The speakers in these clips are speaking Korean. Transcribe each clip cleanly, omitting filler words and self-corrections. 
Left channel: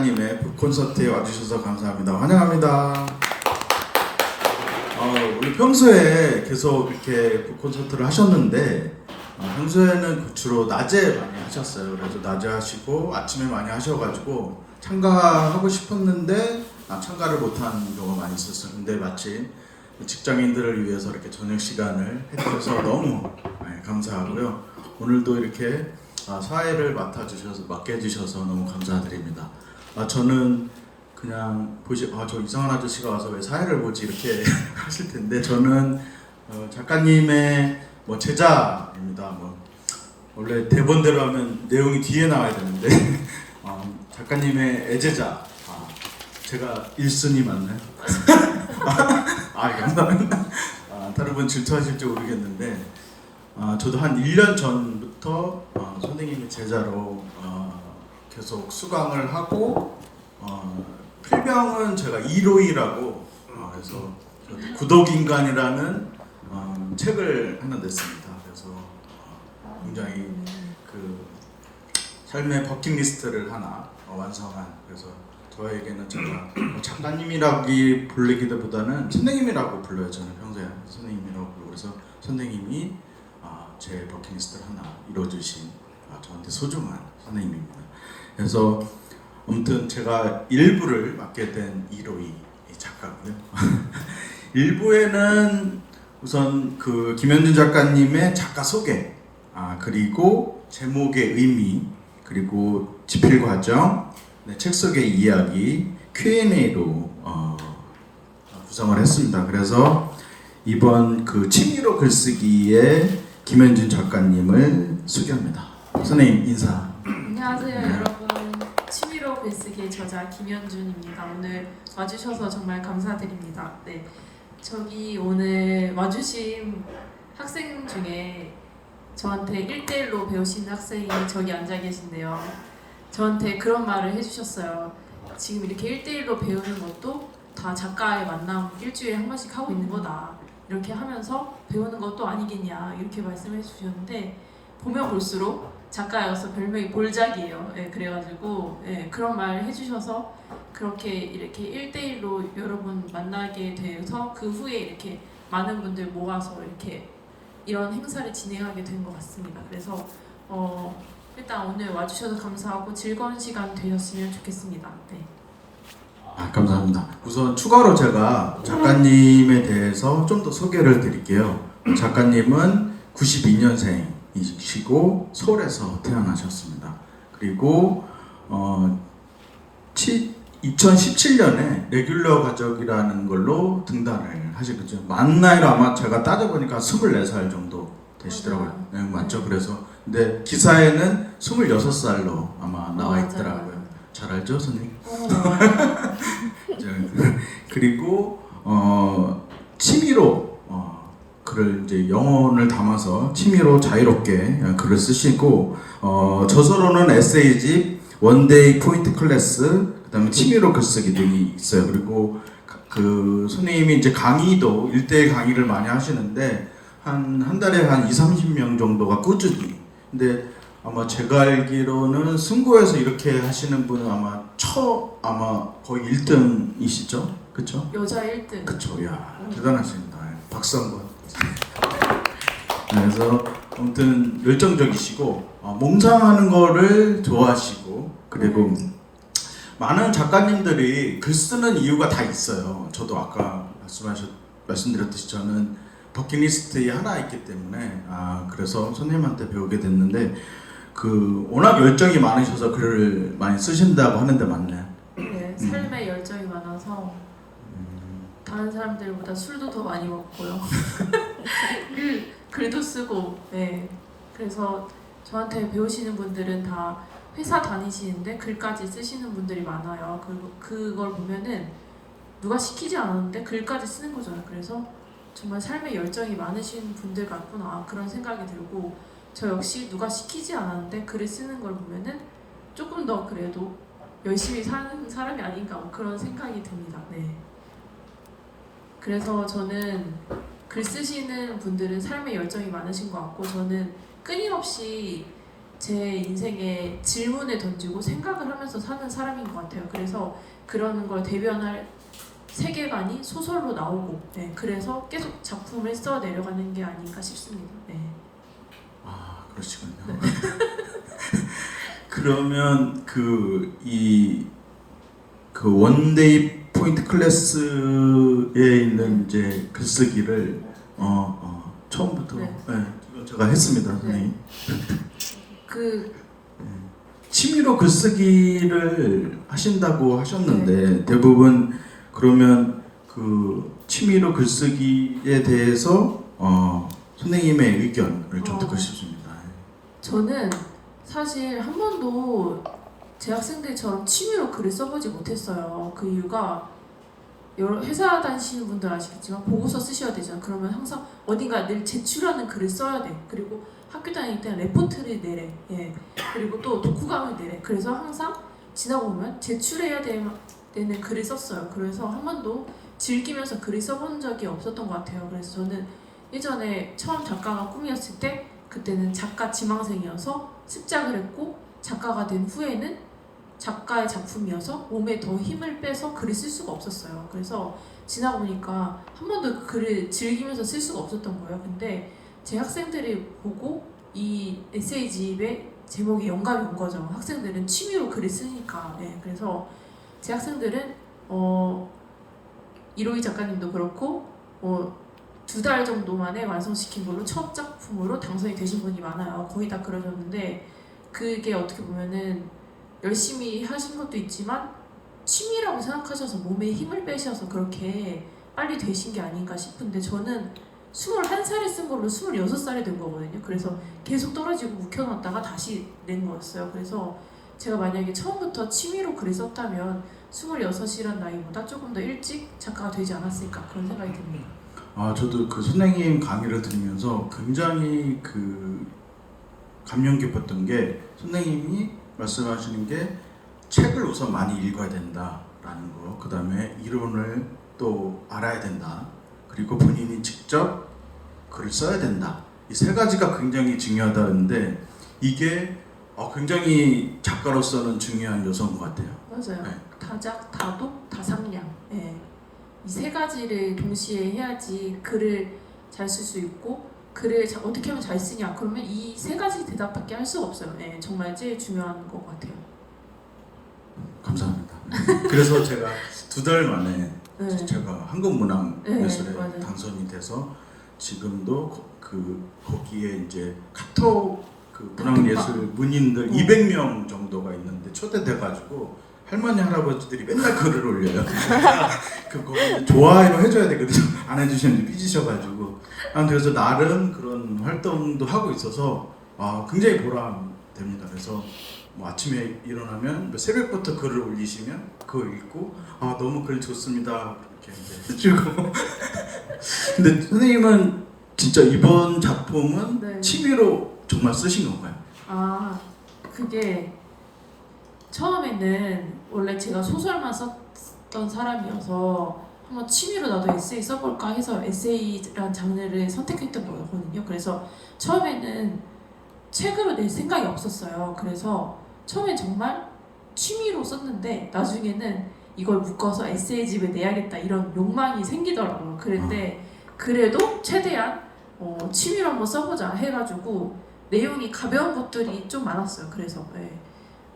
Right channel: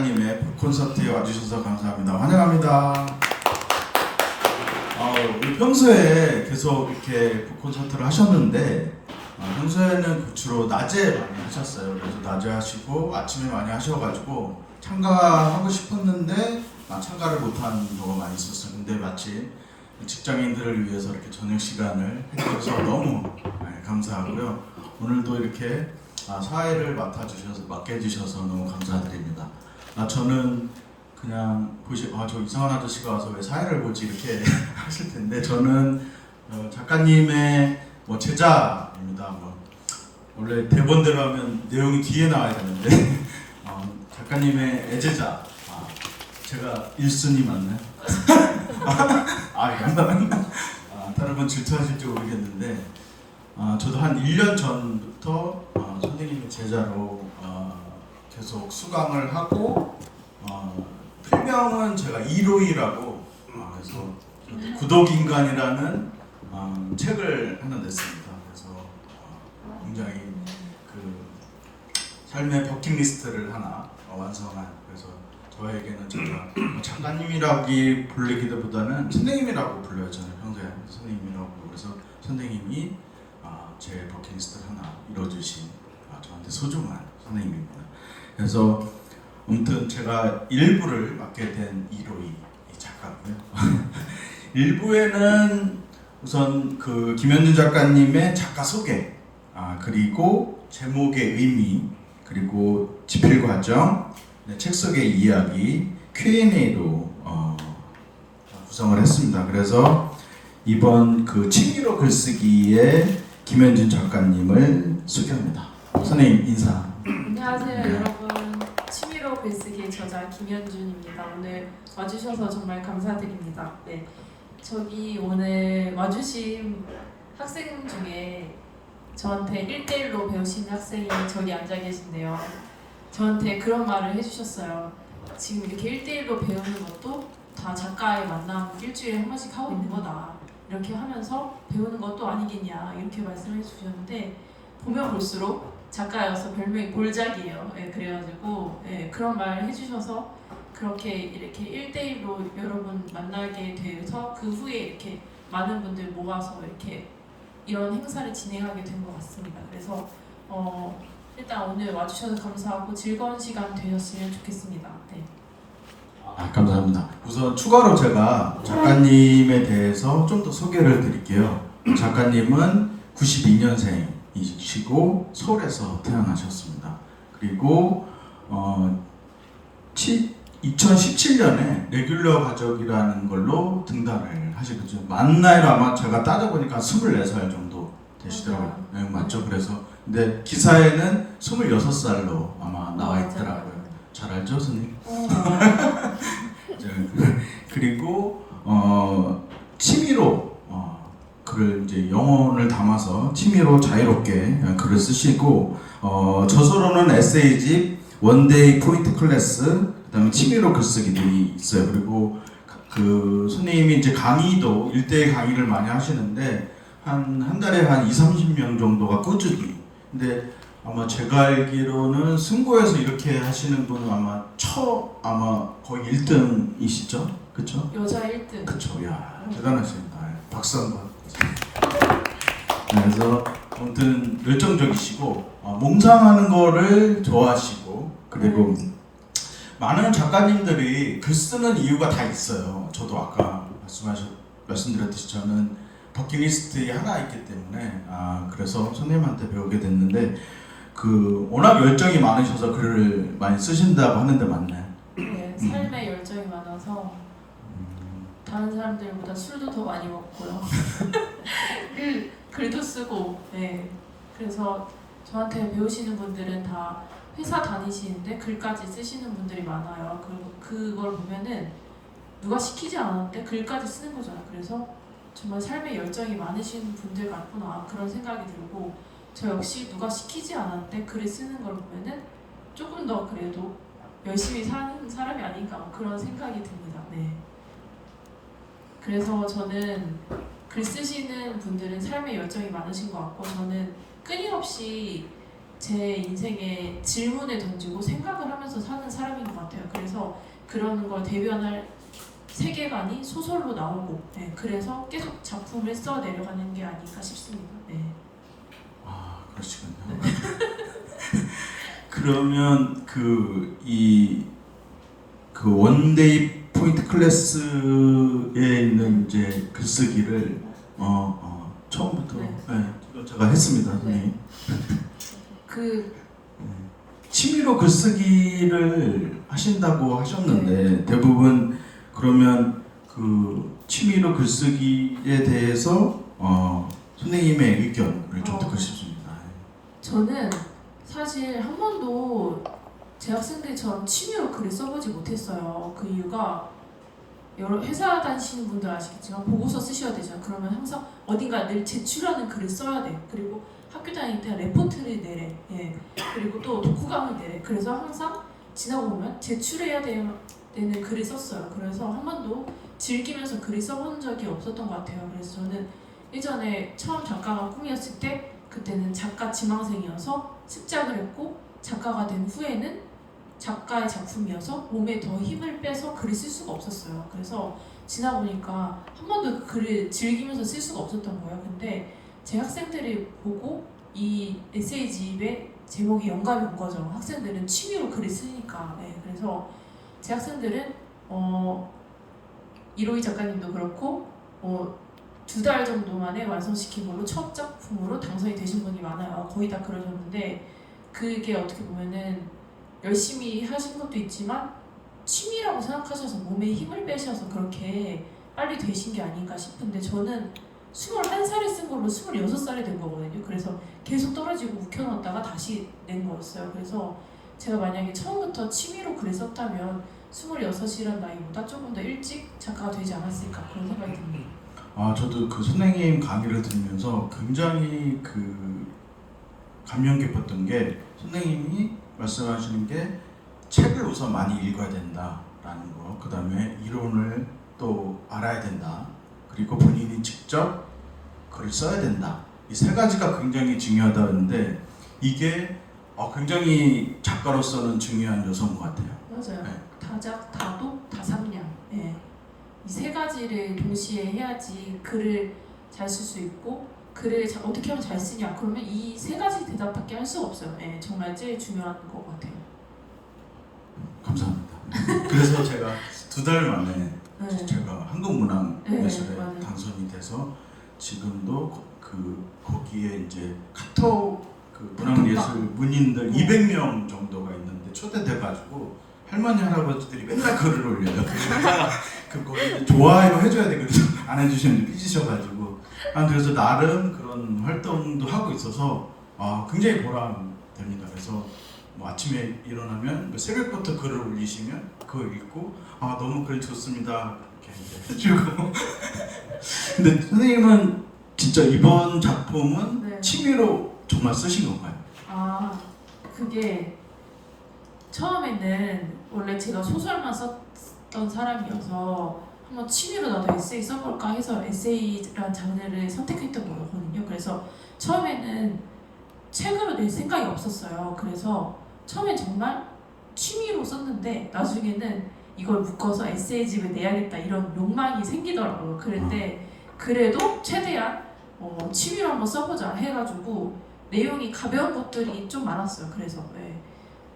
님의 콘서트에 와주셔서 감사합니다. 환영합니다. 우리 평소에 계속 이렇게 콘서트를 하셨는데 평소에는 주로 낮에 많이 하셨어요. 그래서 낮에 하시고 아침에 많이 하셔가지고 참가하고 싶었는데 참가를 못한 경우가 많이 있었어요. 근데 마침 직장인들을 위해서 이렇게 저녁 시간을 해주셔서 너무 감사하고요. 오늘도 이렇게 사회를 맡게 해주셔서 너무 감사드립니다. 저는 그냥 저 이상한 아저씨가 와서 왜 사회를 보지 이렇게 하실 텐데, 저는 작가님의 제자입니다. 원래 대본대로 하면 내용이 뒤에 나와야 되는데 작가님의 애제자. 제가 1순위 맞나요? 감사합니다. 다른 분 질투하실지 모르겠는데 저도 한 1년 전부터 선생님의 제자로 계속 수강을 하고 필명은 제가 이로이라고 그래서 구독인간이라는 책을 하나 냈습니다. 그래서 굉장히 그 삶의 버킷리스트를 하나 완성한, 그래서 저에게는 제가 작가님이라고 부르기보다는 선생님이라고 불러요. 저는 평소에 선생님이라고 불러요. 그래서 선생님이 제 버킷리스트를 하나 이뤄주신 저한테 소중한 선생님입니다. 그래서 아무튼 제가 일부를 맡게 된 이로이 작가고요. 일부에는 우선 그 김현준 작가님의 작가 소개, 그리고 제목의 의미, 그리고 집필 과정, 책 속의 이야기, Q&A로 구성을 했습니다. 그래서 이번 그 취미로 글쓰기에 김현준 작가님을 소개합니다. 선생님 인사. 안녕하세요 여러분. 취미로 글쓰기의 저자 김현준입니다. 오늘 와주셔서 정말 감사드립니다. 네, 저기 오늘 와주신 학생 중에 저한테 1대1로 배우시는 학생이 저기 앉아 계신데요. 저한테 그런 말을 해주셨어요. 지금 이렇게 1대1로 배우는 것도 다 작가의 만남 일주일에 한 번씩 하고 있는 거다. 이렇게 하면서 배우는 것도 아니겠냐 이렇게 말씀해 주셨는데, 보면 볼수록 작가여서 별명이 볼작이에요. 그래가지고 그런 말을 해주셔서 그렇게 이렇게 1대1로 여러분 만나게 돼서 그 후에 이렇게 많은 분들 모아서 이렇게 이런 행사를 진행하게 된 것 같습니다. 그래서 일단 오늘 와주셔서 감사하고 즐거운 시간 되셨으면 좋겠습니다. 네. 감사합니다. 우선 추가로 제가 작가님에 대해서 좀 더 소개를 드릴게요. 작가님은 92년생이시고 서울에서 태어나셨습니다. 그리고 2017년에 레귤러 가족이라는 걸로 등단을 하시겠죠. 만 나이로 아마 제가 따져보니까 24살 정도 되시더라고요. 네, 맞죠? 그래서 근데 기사에는 26살로 아마 나와 있더라고요. 잘 알죠, 선생님? 그리고 취미로 글을 이제 영혼을 담아서 취미로 자유롭게 글을 쓰시고 저서로는 에세이집, 원데이 포인트 클래스, 그다음에 취미로 글쓰기들이 있어요. 그리고 그 선생님이 이제 강의도 1대1 강의를 많이 하시는데 한 달에 한 20-30명 정도가 꾸준히. 근데 아마 제가 알기로는 승고에서 이렇게 하시는 분은 아마 거의 1등이시죠? 그렇죠? 여자 1등. 그렇죠. 야, 대단하십니다. 박수 한번. 그래서 아무튼 열정적이시고 몽상하는 거를 좋아하시고, 그리고 많은 작가님들이 글 쓰는 이유가 다 있어요. 저도 아까 말씀드렸듯이 저는 버킷리스트에 하나 있기 때문에 그래서 선생님한테 배우게 됐는데 워낙 열정이 많으셔서 글을 많이 쓰신다고 하는데 맞나요? 네, 삶에 열정이 많아서 다른 사람들보다 술도 더 많이 먹고요. 글도 쓰고. 네. 그래서 저한테 배우시는 분들은 다 회사 다니시는데 글까지 쓰시는 분들이 많아요. 그걸 보면은 누가 시키지 않았는데 글까지 쓰는 거잖아요. 그래서 정말 삶에 열정이 많으신 분들 같구나 그런 생각이 들고, 저 역시 누가 시키지 않았는데 글을 쓰는 걸 보면은 조금 더 그래도 열심히 사는 사람이 아닌가 그런 생각이 듭니다. 네. 그래서 저는 글 쓰시는 분들은 삶에 열정이 많으신 것 같고, 저는 끊임없이 제 인생에 질문을 던지고 생각을 하면서 사는 사람인 것 같아요. 그래서 그런 걸 대변할 세계관이 소설로 나오고, 네, 그래서 계속 작품을 써 내려가는 게 아닌가 싶습니다. 네. 아 그러시군요. 네. 그러면 그 원데이 포인트 클래스에 있는 이제 글쓰기를 처음부터 네. 이건 제가 했습니다, 네. 선생님. 그 취미로 글쓰기를 하신다고 하셨는데 대부분 그러면 그 취미로 글쓰기에 대해서 선생님의 의견을 좀 듣고 싶습니다. 저는 사실 한 번도 제 학생들처럼 취미로 글을 써보지 못했어요. 그 이유가 여러 회사 다니시는 분들 아시겠지만 보고서 쓰셔야 되죠. 그러면 항상 어딘가 늘 제출하는 글을 써야 돼. 그리고 학교 다닐 때 레포트를 내래. 예. 그리고 또 독후감을 내래. 그래서 항상 지나고 보면 제출해야 되는 글을 썼어요. 그래서 한 번도 즐기면서 글을 써본 적이 없었던 것 같아요. 그래서 저는 예전에 처음 작가가 꿈이었을 때 그때는 작가 지망생이어서 습작을 했고 작가가 된 후에는 작가의 작품이어서 몸에 더 힘을 빼서 글을 쓸 수가 없었어요. 그래서 지나고 보니까 한 번도 그 글을 즐기면서 쓸 수가 없었던 거예요. 근데 제 학생들이 보고 이 에세이집의 제목이 영감이 온 거죠. 학생들은 취미로 글을 쓰니까. 네, 그래서 제 학생들은 이로희 작가님도 그렇고 2달 정도 만에 완성시킨 걸로 첫 작품으로 당선이 되신 분이 많아요. 거의 다 그러셨는데 그게 어떻게 보면은 열심히 하신 것도 있지만 취미라고 생각하셔서 몸에 힘을 빼셔서 그렇게 빨리 되신 게 아닌가 싶은데 저는 21살에 쓴 걸로 26살이 된 거거든요. 그래서 계속 떨어지고 묵혀놨다가 다시 낸 거였어요. 그래서 제가 만약에 처음부터 취미로 글을 썼다면 26이란 나이보다 조금 더 일찍 작가가 되지 않았을까 그런 생각이 듭니다. 저도 그 선생님 강의를 들으면서 굉장히 그 감명 깊었던 게 선생님이 말씀하시는 게 책을 우선 많이 읽어야 된다라는 거, 그 다음에 이론을 또 알아야 된다, 그리고 본인이 직접 글을 써야 된다. 이 세 가지가 굉장히 중요하다는데 이게 굉장히 작가로서는 중요한 요소인 것 같아요. 맞아요. 네. 다작, 다독, 다상량. 이 세 가지를 동시에 해야지 글을 잘 쓸 수 있고 글을 어떻게 하면 잘 쓰냐 그러면 이 세 가지 대답밖에 할 수가 없어요. 정말 제일 중요한 것 같아요. 감사합니다. 그래서 제가 2달 만에 네. 제가 한국문학예술에 네, 당선이 돼서 지금도 거기에 이제 카톡 그 문학예술 문인들 200명 정도가 있는데 초대돼가지고 할머니 할아버지들이 맨날 글을 올려요. 거기 좋아요 해줘야 되거든요. 안 해주시면 삐지셔가지고. 그래서 나름 그런 활동도 하고 있어서 굉장히 보람됩니다. 그래서 뭐 아침에 일어나면 새벽부터 글을 올리시면 그거 읽고 너무 글 좋습니다 이렇게 이제 해주고. 근데 선생님은 진짜 이번 작품은 네. 취미로 정말 쓰신 건가요? 그게 처음에는 원래 제가 소설만 썼던 사람이어서 한번 취미로 나도 에세이 써볼까 해서 에세이란 장르를 선택했던 거거든요. 그래서 처음에는 책으로 낼 생각이 없었어요. 그래서 처음엔 정말 취미로 썼는데 나중에는 이걸 묶어서 에세이집을 내야겠다 이런 욕망이 생기더라고요. 그런데 그래도 최대한 취미로 한번 써보자 해가지고 내용이 가벼운 것들이 좀 많았어요. 그래서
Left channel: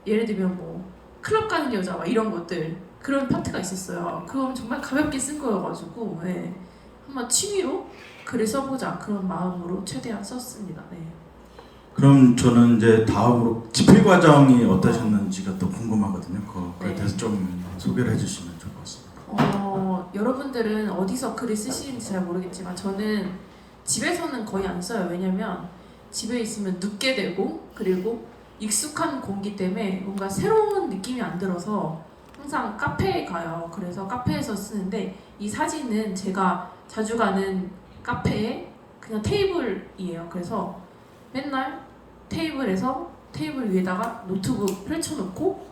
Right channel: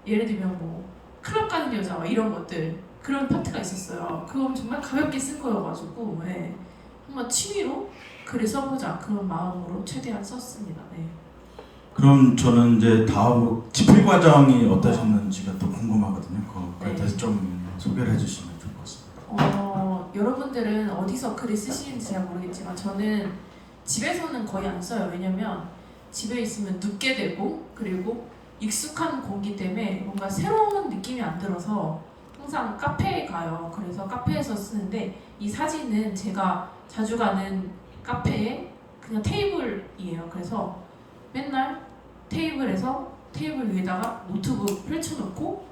예를 들면 뭐 클럽 가는 여자 막 이런 것들 그런 파트가 있었어요. 그럼 정말 가볍게 쓴 거여가지고 한번 취미로 글을 써보자 그런 마음으로 최대한 썼습니다. 그럼 저는 이제 다음으로 집필 과정이 어떠셨는지가 또 궁금하거든요. 그거에 네. 대해서 좀 소개를 해주시면 좋을 것 같습니다. 여러분들은 어디서 글을 쓰시는지 잘 모르겠지만 저는 집에서는 거의 안 써요. 왜냐면 집에 있으면 눕게 되고 그리고 익숙한 공기 때문에 뭔가 새로운 느낌이 안 들어서 항상 카페에 가요. 그래서 카페에서 쓰는데 이 사진은 제가 자주 가는 카페에 그냥 테이블이에요. 그래서 맨날 테이블 위에다가 노트북 펼쳐놓고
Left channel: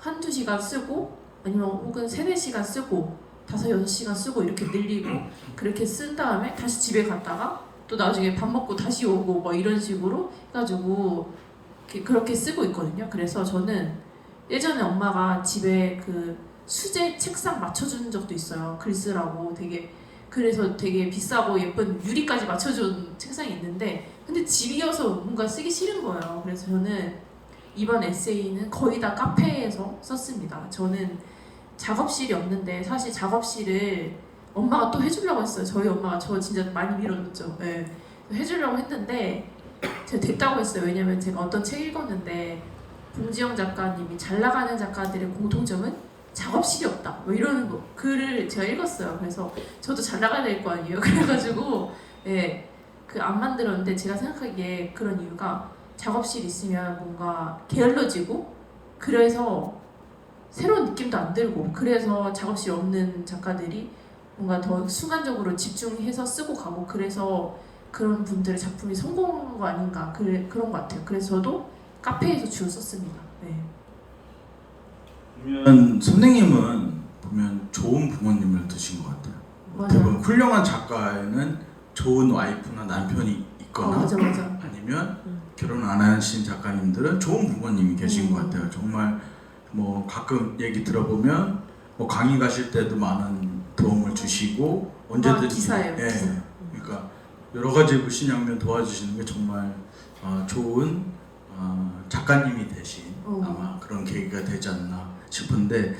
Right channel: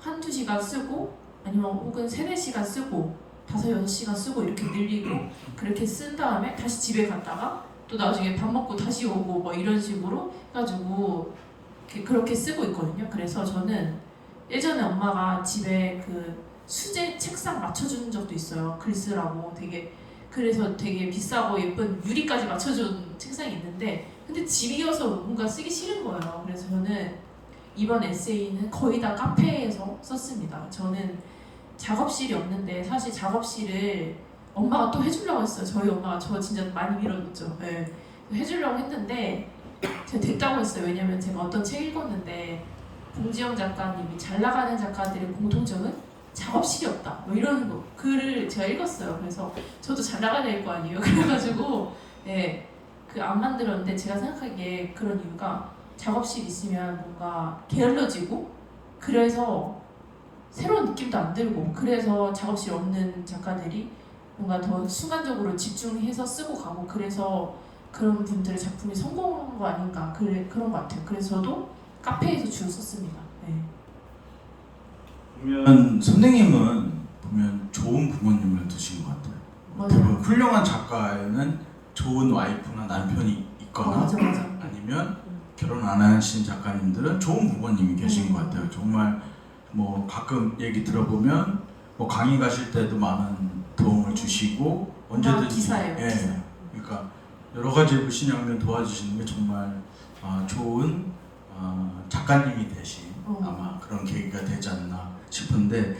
한두 시간 쓰고 아니면 혹은 3-4시간 쓰고 5-6시간 쓰고 이렇게 늘리고 그렇게 쓴 다음에 다시 집에 갔다가 또 나중에 밥 먹고 다시 오고 뭐 이런 식으로 해가지고 그렇게 쓰고 있거든요. 그래서 저는 예전에 엄마가 집에 그 수제 책상 맞춰준 적도 있어요. 글 쓰라고 그래서 되게 비싸고 예쁜 유리까지 맞춰준 책상이 있는데 근데 집이어서 뭔가 쓰기 싫은 거예요. 그래서 저는 이번 에세이는 거의 다 카페에서 썼습니다. 저는 작업실이 없는데 사실 작업실을 엄마가 또 해주려고 했어요. 저희 엄마가 저 진짜 많이 밀어줬죠. 네. 해주려고 했는데 제가 됐다고 했어요. 왜냐면 제가 어떤 책 읽었는데 봉지영 작가님이 잘 나가는 작가들의 공통점은 작업실이 없다. 뭐 이런 글을 제가 읽었어요. 그래서 저도 잘 나가야 될 거 아니에요. 그래가지고 예, 그 안 만들었는데 제가 생각하기에 그런 이유가 작업실 있으면 뭔가 게을러지고 그래서 새로운 느낌도 안 들고 그래서 작업실 없는 작가들이 뭔가 더 순간적으로 집중해서 쓰고 가고 그래서 그런 분들의 작품이 성공한 거 아닌가 그런 것 같아요. 그래서 저도 카페에서 주로 썼습니다. 네. 보면 선생님은 보면 좋은 부모님을 두신 것 같아요. 맞아요. 대부분 훌륭한 작가에는 좋은 와이프나 남편이 있거나 맞아. 아니면 결혼 안 하신 작가님들은 좋은 부모님이 계신 것 같아요. 정말 뭐 가끔 얘기 들어보면 뭐 강의 가실 때도 많은 도움을 주시고 언제든지 기사예요. 예, 기사. 그러니까 여러 가지 신양면 도와주시는 게 정말 좋은 작가님이 되신 아마 그런 계기가 되지 않나 싶은데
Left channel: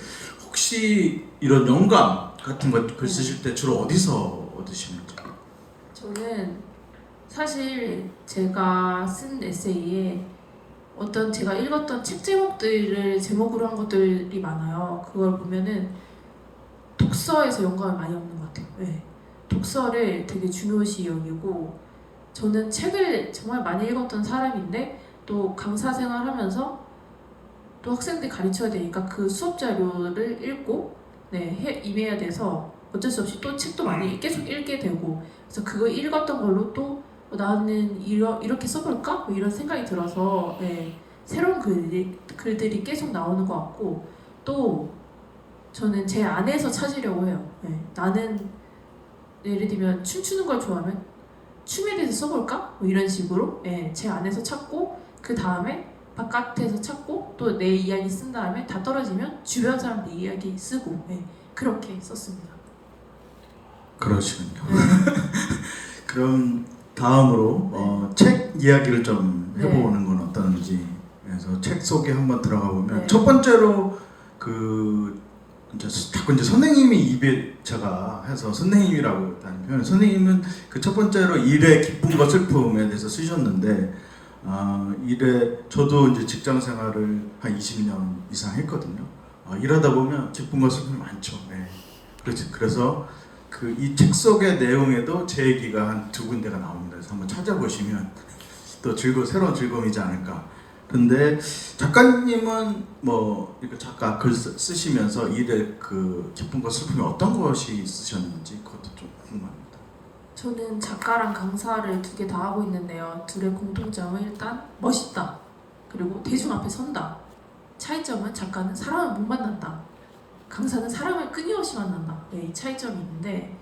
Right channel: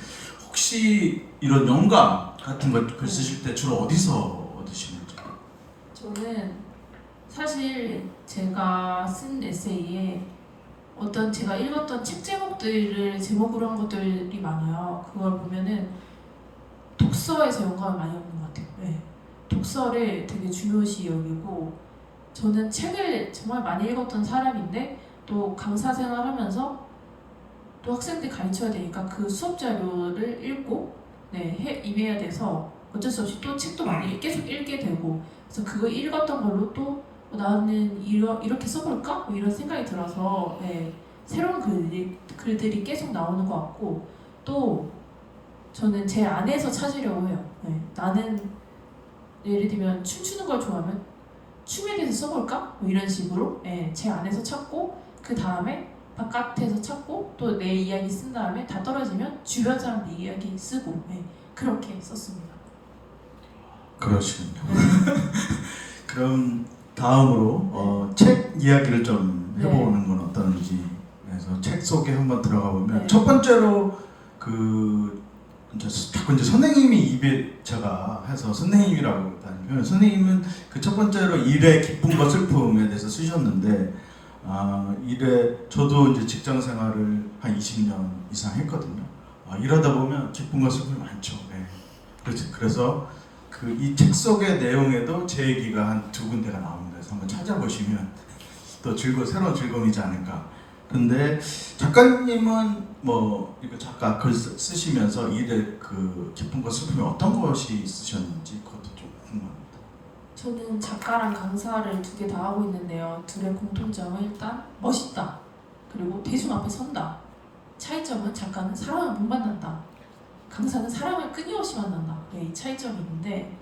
혹시 이런 영감 같은 거 글 쓰실 때 주로 어디서 얻으시는지? 저는 사실 제가 쓴 에세이에 어떤 제가 읽었던 책 제목들을 제목으로 한 것들이 많아요. 그걸 보면은 독서에서 영감을 많이 얻는 것 같아요. 네. 독서를 되게 중요시 여기고 저는 책을 정말 많이 읽었던 사람인데 또 강사 생활하면서 또 학생들 가르쳐야 되니까 그 수업 자료를 읽고 임해야 돼서 어쩔 수 없이 또 책도 많이 계속 읽게 되고 그래서 그거 읽었던 걸로 또 나는 이렇게 써볼까? 뭐 이런 생각이 들어서 새로운 글들이 계속 나오는 것 같고 또 저는 제 안에서 찾으려고 해요. 나는 예를 들면 춤추는 걸 좋아하면 춤에 대해서 써볼까? 뭐 이런 식으로 제 안에서 찾고 그 다음에 바깥에서 찾고 또 내 이야기 쓴 다음에 다 떨어지면 주변 사람들 이야기 쓰고 그렇게 썼습니다. 그러시군요. 그럼 다음으로 책 이야기를 좀 해보는 건 어떤지 그래서 책 속에 한번 들어가 보면 첫 번째로 자꾸 이제 선생님이 입에 제가 해서 선생님이라고 일단 표현. 선생님은 그 첫 번째로 일의 기쁨과 슬픔에 대해서 쓰셨는데 저도 이제 직장 생활을 한 20년 이상 했거든요. 일하다 보면 기쁨과 슬픔이 많죠. 그래서 이 책 속의 내용에도 제 얘기가 한 두 군데가 나옵니다. 그래서 한번 찾아보시면 또 새로운 즐거움이지 않을까. 근데 작가님은 뭐 이렇게 작가 글 쓰시면서 일의 그 기쁨과 슬픔이 어떤 것이 있으셨는지 그것도 좀 궁금합니다. 저는 작가랑 강사를 두 개 다 하고 있는데요. 둘의 공통점은 일단 멋있다. 그리고 대중 앞에 선다. 차이점은 작가는 사람을 못 만난다. 강사는 사람을 끊임없이 만난다. 이 차이점이 있는데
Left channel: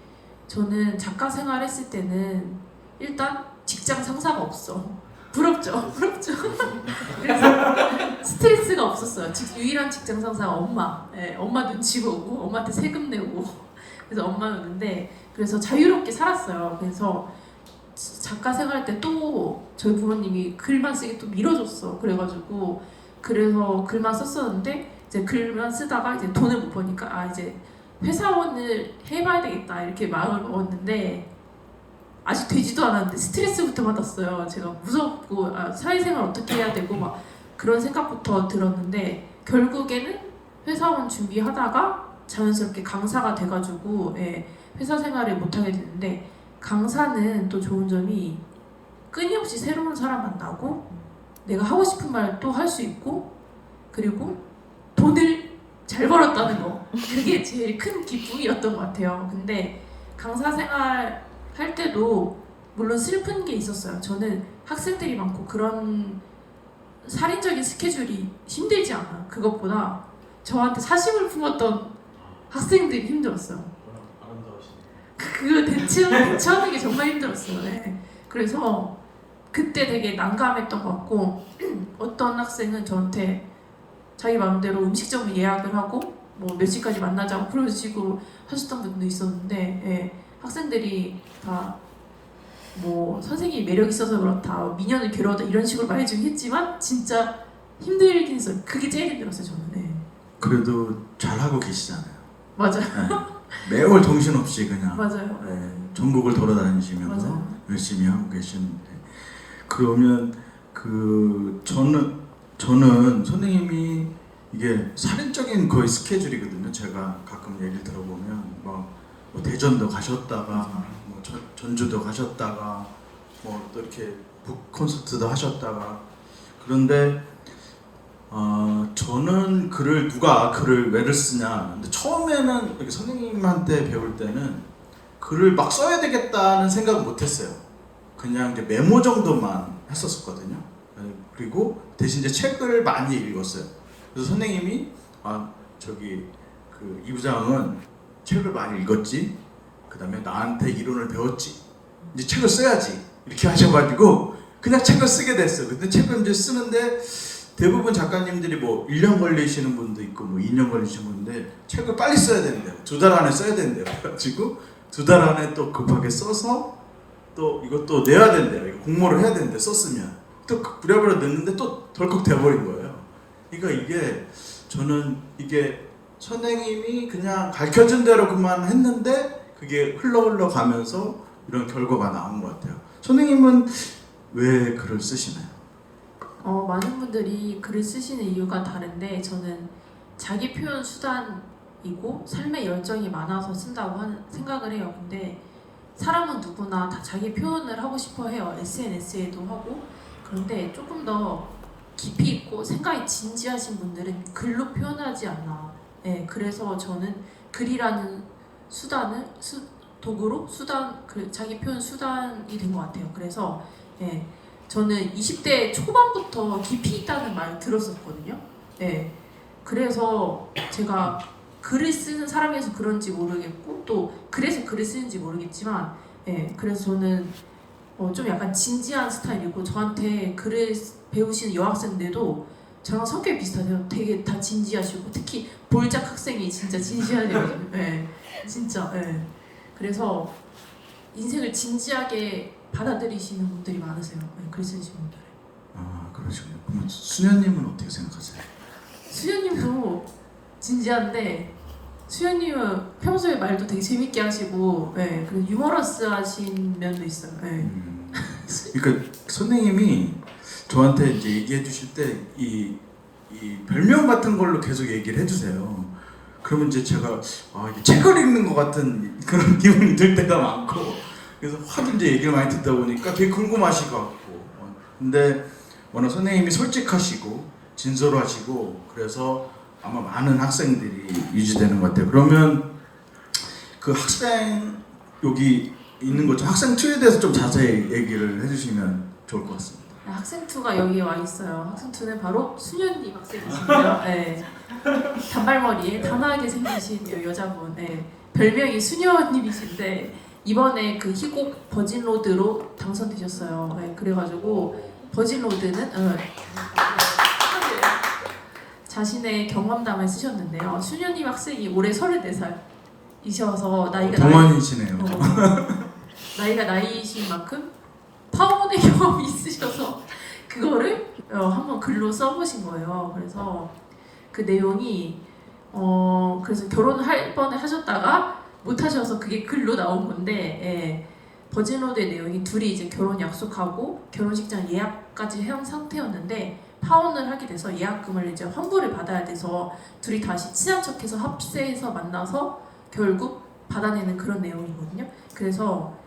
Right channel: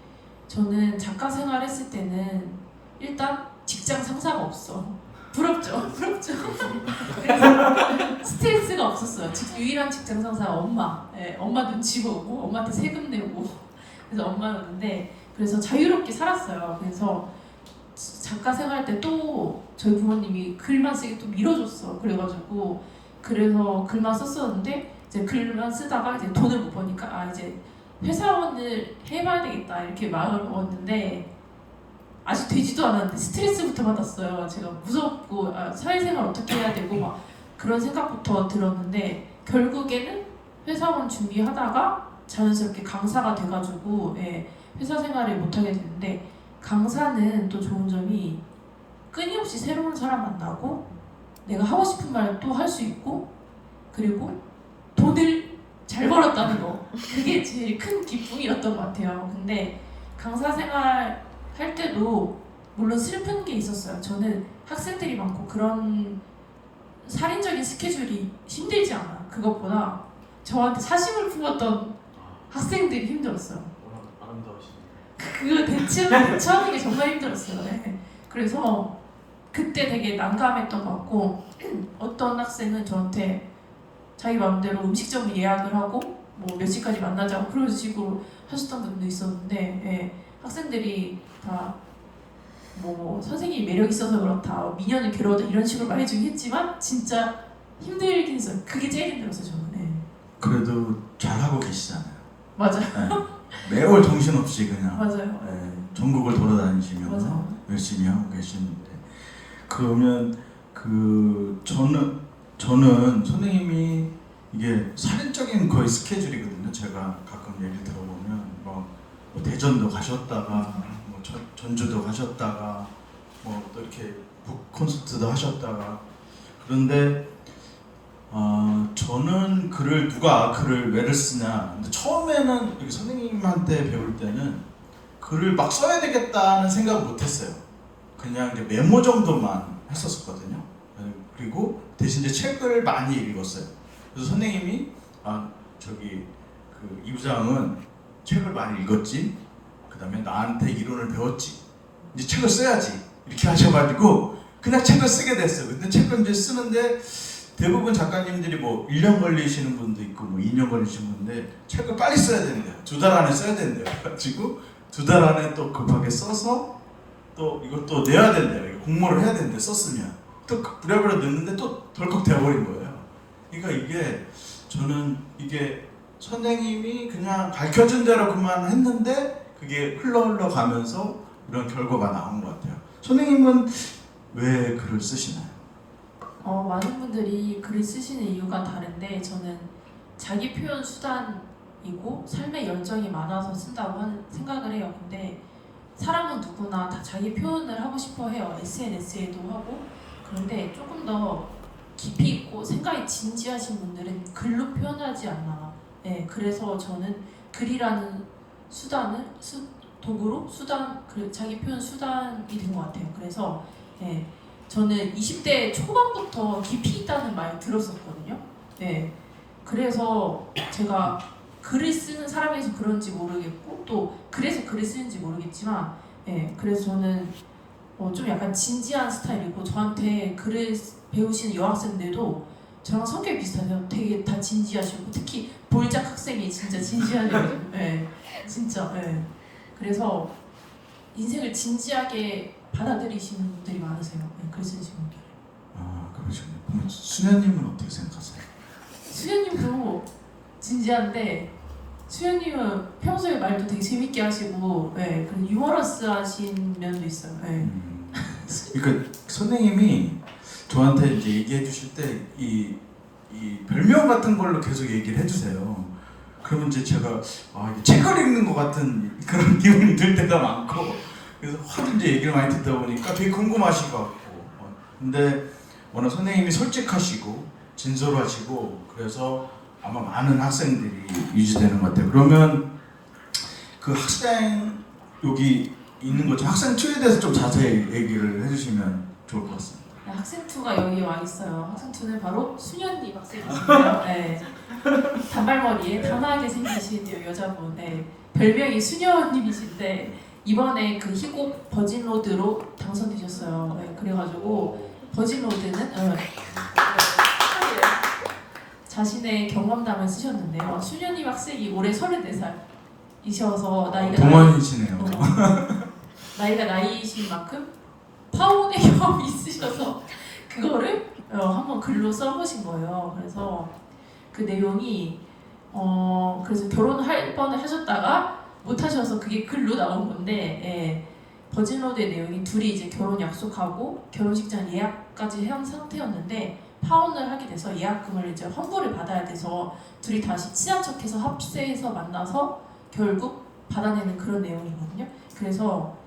저는 작가 생활했을 때는 일단 직장 상사가 없어. 부럽죠? 그래서 스트레스가 없었어요. 유일한 직장 상사가 엄마. 엄마 눈치 보고 엄마한테 세금 내고 그래서 엄마였는데 그래서 자유롭게 살았어요. 그래서 작가 생활할 때 또 저희 부모님이 글만 쓰게 또 밀어줬어. 그래서 글만 썼었는데 이제 글만 쓰다가 이제 돈을 못 버니까 이제 회사원을 해봐야 되겠다 이렇게 마음을 먹었는데 아직 되지도 않았는데 스트레스부터 받았어요. 제가 무섭고 사회생활 어떻게 해야 되고 막 그런 생각부터 들었는데 결국에는 회사원 준비하다가 자연스럽게 강사가 돼가지고 회사 생활을 못하게 됐는데 강사는 또 좋은 점이 끊임없이 새로운 사람 만나고 내가 하고 싶은 말 또 할 수 있고 그리고 돈을 잘 벌었다는 거 그게 제일 큰 기쁨이었던 것 같아요. 근데 강사 생활 할 때도 물론 슬픈 게 있었어요. 저는 학생들이 많고 그런 살인적인 스케줄이 힘들지 않아. 그것보다 저한테 사심을 품었던 학생들이 힘들었어요. 그거 대처하는 게 정말 힘들었어요. 그래서 그때 되게 난감했던 것 같고 어떤 학생은 저한테 자기 마음대로 음식점을 예약을 하고 뭐 몇 시까지 만나자고 그런 식으로 하셨던 분도 있었는데 예, 학생들이 다 뭐 선생님이 매력 있어서 그렇다 뭐 민현을 괴로워다 이런 식으로 말해주긴 했지만 진짜 힘들긴 했어요. 그게 제일 힘들었어요 저는. 예. 그래도 잘 하고 계시잖아요. 맞아요. 네. 매월 정신없이 그냥 맞아요. 네, 전국을 돌아다니시면서 맞아요. 열심히 하고 계시는데 그러면 그 저는 선생님이 이게 살인적인 거의 스케줄이거든요. 제가 가끔 얘기 들어보면 뭐 대전도 가셨다가 뭐 전주도 가셨다가 뭐 또 이렇게 북 콘서트도 하셨다가 그런데 저는 누가 글을 왜를 쓰냐. 근데 처음에는 이렇게 선생님한테 배울 때는 글을 막 써야 되겠다는 생각을 못했어요. 그냥 이제 메모 정도만 했었거든요. 그리고 대신 이제 책을 많이 읽었어요. 그래서 선생님이 이 부장은 책을 많이 읽었지. 그다음에 나한테 이론을 배웠지. 이제 책을 써야지. 이렇게 하셔가지고 그냥 책을 쓰게 됐어요. 근데 책을 이제 쓰는데 대부분 작가님들이 뭐 1년 걸리시는 분도 있고 뭐 2년 걸리시는 분인데 책을 빨리 써야 된대요. 2달 안에 써야 된대요. 그래가지고 2달 안에 또 급하게 써서 또 이것도 내야 된대요. 이거 공모를 해야 되는데 썼으면 또 부랴부랴 넣는데 또 덜컥 돼버린 거예요. 그러니까 이게 저는 이게 선생님이 그냥 가르쳐준 대로 그만 했는데 그게 흘러 가면서 이런 결과가 나온 것 같아요. 선생님은 왜 글을 쓰시나요? 많은 분들이 글을 쓰시는 이유가 다른데 저는 자기 표현 수단이고 삶의 열정이 많아서 쓴다고 생각을 해요. 근데 사람은 누구나 다 자기 표현을 하고 싶어 해요. SNS에도 하고. 그런데 조금 더 깊이 있고 생각이 진지하신 분들은 글로 표현하지 않나. 네, 그래서 저는 글이라는 도구로 자기 표현 수단이 된 것 같아요. 그래서 예, 저는 20대 초반부터 깊이 있다는 말 들었었거든요. 예, 그래서 제가 글을 쓰는 사람이라서 그런지 모르겠고 또 그래서 글을 쓰는지 모르겠지만 예, 그래서 저는 좀 약간 진지한 스타일이고 저한테 글을 배우시는 여학생들도 저랑 성격이 비슷하세요. 되게 다 진지하시고 특히 볼작 학생이 진짜 진지하거든요. 예, 진짜. 예. 그래서 인생을 진지하게 받아들이시는 분들이 많으세요. 네, 글 쓰시는 분들. 그러시군요. 그럼 수녀님은 어떻게 생각하세요? 수현님도 진지한데 수현님은 평소에 말도 되게 재밌게 하시고 네, 그리고 유머러스하신 면도 있어요. 네. 그러니까 선생님이 저한테 이제 얘기해 주실 때 이 별명 같은 걸로 계속 얘기를 해주세요. 그러면 이제 제가 이게 책을 읽는 것 같은 그런 기분이 들 때가 많고 그래서 하도 이제 얘기를 많이 듣다 보니까 되게 궁금하실 것 같고 근데 워낙 선생님이 솔직하시고 진솔하시고 그래서 아마 많은 학생들이 유지되는 것 같아요. 그러면 그 학생 여기 있는 거죠. 학생 투에 대해서 좀 자세히 얘기를 해주시면 좋을 것 같습니다. 네, 학생 투가 여기 와 있어요. 학생 투는 바로 수현님 학생이신데요. 네. 단발머리에 단아하게 생기신 여자분. 네. 별명이 수녀님이신데 이번에 그 희곡 버진로드로 당선되셨어요. 네. 그래가지고 버진로드는 자신의 경험담을 쓰셨는데요. 수녀님 학생이 올해 34살이셔서 동안이시네요. 나이가 나이신 만큼 파혼의 경험이 있으셔서 그거를 한번 글로 써보신 거예요. 그래서 그 내용이 그래서 결혼할 뻔을 하셨다가 못 하셔서 그게 글로 나온 건데 예, 버진로드의 내용이 둘이 이제 결혼 약속하고 결혼식장 예약까지 한 상태였는데 파혼을 하게 돼서 예약금을 이제 환불을 받아야 돼서 둘이 다시 친한 척해서 합세해서 만나서 결국 받아내는 그런 내용이거든요. 그래서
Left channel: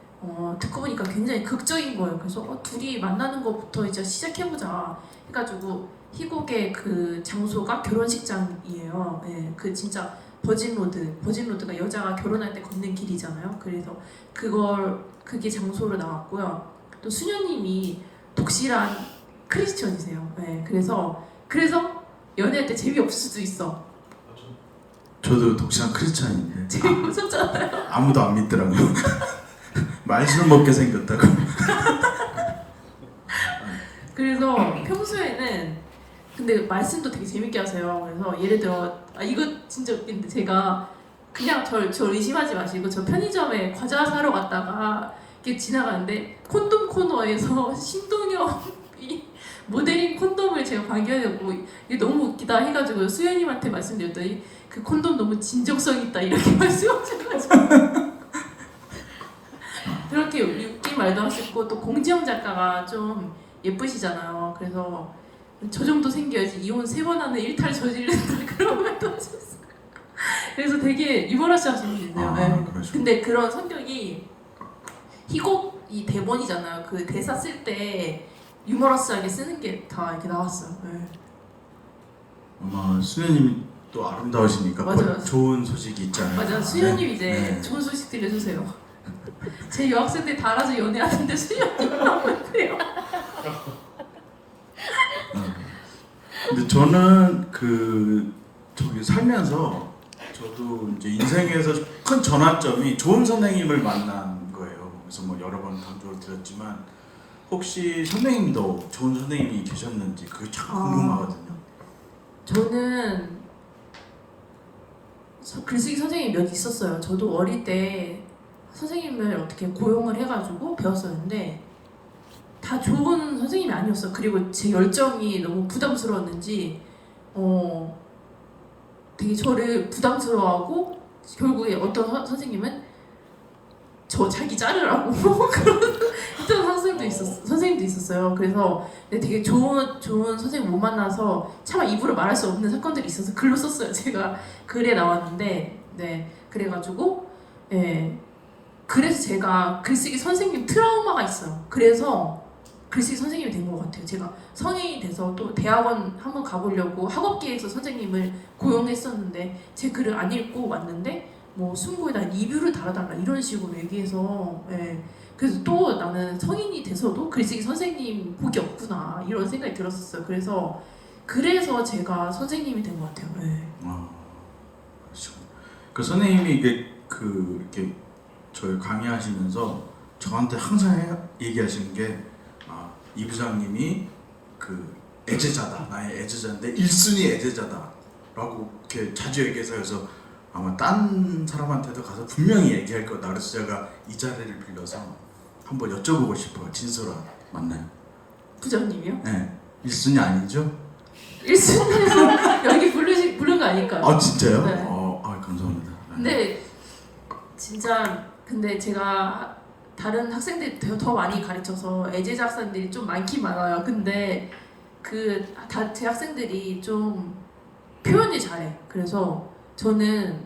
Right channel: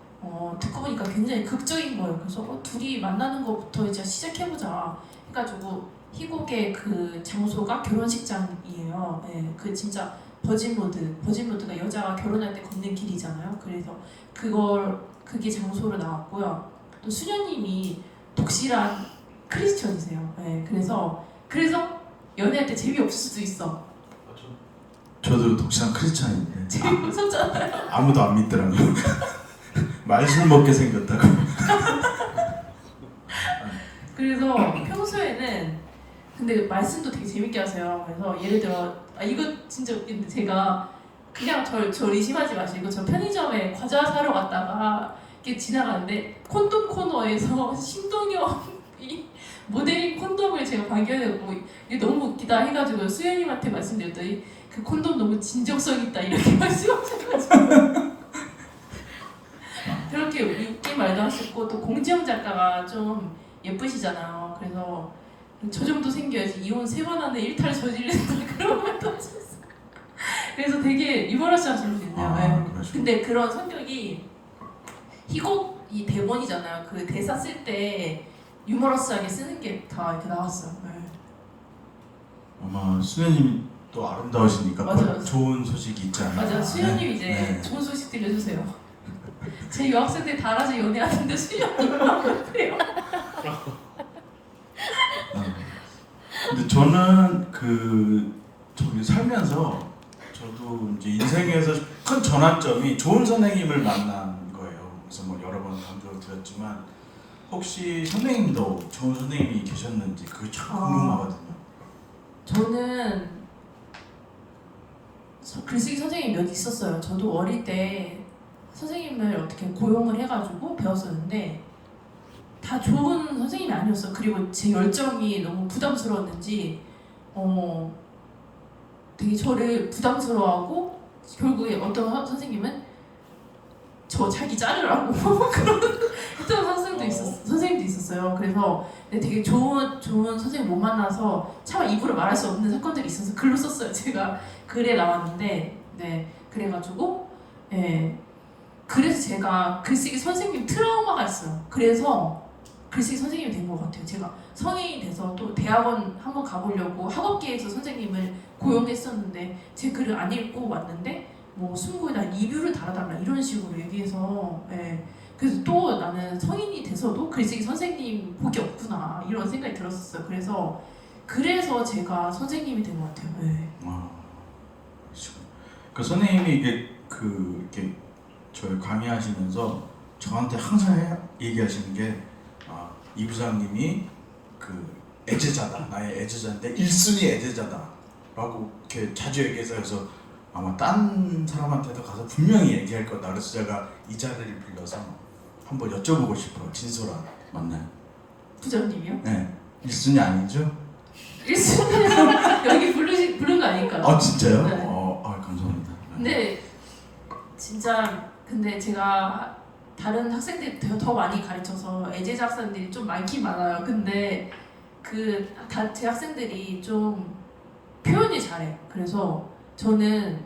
듣고 보니까 굉장히 극적인 거예요. 그래서 둘이 만나는 것부터 이제 시작해보자 해가지고 희곡의 그 장소가 결혼식장이에요. 네, 그 진짜 버진로드가 여자가 결혼할 때 걷는 길이잖아요. 그래서 그게 장소로 나왔고요. 또 수녀님이 독실한 크리스천이세요. 네, 그래서 연애할 때 재미없을 수도 있어. 저도 독실한 크리스찬인데 재미없었잖아요. 아무도 안 믿더라고요. 말술 먹게 생겼다고. 그래서 평소에는 근데 말씀도 되게 재밌게 하세요. 그래서 예를 들어 이거 진짜 웃긴데 제가 그냥 저 의심하지 마시고 저 편의점에 과자 사러 갔다가 이렇게 지나가는데 콘돔 코너에서 신동엽이 모델링 콘돔을 제가 발견했고 이게 너무 웃기다 해가지고 수현님한테 말씀드렸더니 그 콘돔 너무 진정성 있다 이렇게 말씀하셔가지고 그렇게 웃긴 말도 하시고 또 공지영 작가가 좀 예쁘시잖아요. 그래서 저 정도 생겨야지 이혼 3번 안에 일탈 저지른다 그런 말도 하셨어요. 그래서 되게 리버러시 하시는 분이네요. 네. 근데 그런 성격이 희곡 이 대본이잖아요. 그 대사 쓸 때 유머러스하게 쓰는 게 다 이렇게 나왔어요. 네. 아마 수현님이 또 아름다우시니까 맞아요. 좋은 소식이 있잖아요. 맞아. 수현님 이제 네. 좋은 소식들 해주세요. 제 여학생들 다 알아서 연애하는데 수현님은 못해요. 근데 저는 저기 살면서 저도 이제 인생에서 큰 전환점이 좋은 선생님을 만난 거예요. 그래서 뭐 여러 번 강조를 드렸지만 혹시 선생님도 좋은 선생님이 계셨는지 그게 참 궁금하거든요. 저는 글쓰기 선생님이 몇 있었어요. 저도 어릴 때 선생님을 어떻게 고용을 해가지고 배웠었는데 다 좋은 선생님이 아니었어요. 그리고 제 열정이 너무 부담스러웠는지 되게 저를 부담스러워하고 결국에 어떤 선생님은 저 자기 자르라고 그런 선생님도 있었어요. 그래서 되게 좋은 선생님 못 만나서 차마 입으로 말할 수 없는 사건들이 있어서 글로 썼어요. 제가 글에 나왔는데 그래가지고 그래서 제가 글쓰기 선생님 트라우마가 있어요. 그래서 글쓰기 선생님이 된 것 같아요. 제가 성인이 돼서 또 대학원 한번 가보려고 학업계에서 선생님을 고용했었는데 제 글을 안 읽고 왔는데 뭐 순고에다 리뷰를 달아달라 이런 식으로 얘기해서 그래서 또 나는 성인이 돼서도 글쓰기 선생님 복이 없구나 이런 생각이 들었었어요. 그래서 제가 선생님이 된 것 같아요. 그렇죠. 그 선생님이 이렇게 저희 강의하시면서 저한테 항상 얘기하시는 게 이 부장님이 애제자다, 나의 애제자인데 1순위 애제자다라고 이렇게 자주 얘기해서 그래서 아마 딴 사람한테도 가서 분명히 얘기할 거다. 그래서 제가 이 자리를 빌려서 한번 여쭤보고 싶어요. 진솔아 맞나요? 부장님이요? 네, 1순위 아니죠? 1순위요? 여기 부른 거 아닐까? 진짜요? 네. 감사합니다. 근데 진짜 제가 다른 학생들이 더 많이 가르쳐서 애제자 학생들이 좀 많긴 많아요. 근데 제 학생들이 좀 표현이 잘해. 그래서 저는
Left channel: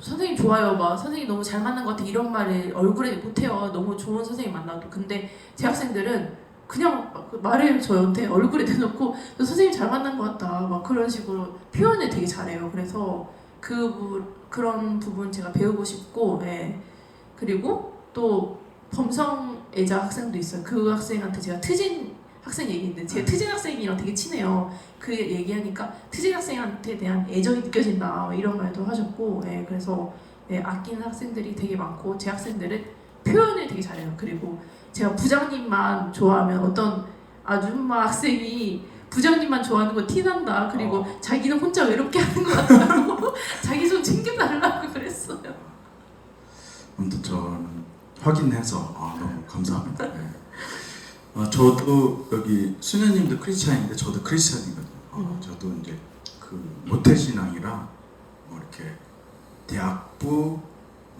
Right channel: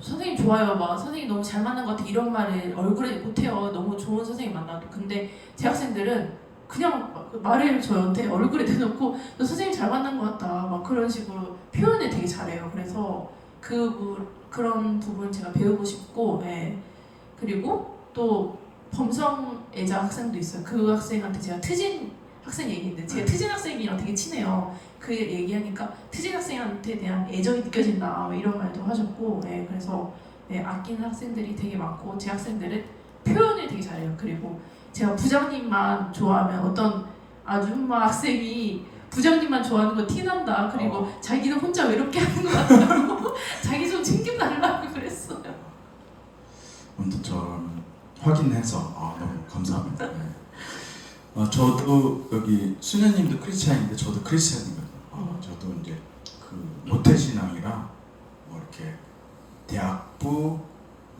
선생님 좋아요, 선생님 너무 잘 만난 것 같아 이런 말을 얼굴에 못해요. 너무 좋은 선생님 만나도. 근데 제 학생들은 그냥 말을 저한테 얼굴에 대놓고 선생님 잘 만난 것 같다 그런 식으로 표현을 되게 잘해요. 그래서 그런 부분 제가 배우고 싶고 그리고 또 범성애자 학생도 있어요. 그 학생한테 제가 트진 학생 얘기했는데 제가 트진 학생이랑 되게 친해요. 그 얘기하니까 트진 학생한테 대한 애정이 느껴진다 이런 말도 하셨고 그래서 아끼는 학생들이 되게 많고 제 학생들은 표현을 되게 잘해요. 그리고 제가 부장님만 좋아하면 어떤 아줌마 학생이 부장님만 좋아하는 거 티난다. 그리고 자기는 혼자 외롭게 하는 것 같다고 자기 좀 챙겨달라고 그랬어요. 아무튼 저는 확인해서 너무 감사합니다. 저도 여기 수녀님도 크리스찬인데 저도 크리스찬이거든요. 저도 이제 모태신앙이라 뭐 이렇게 대학부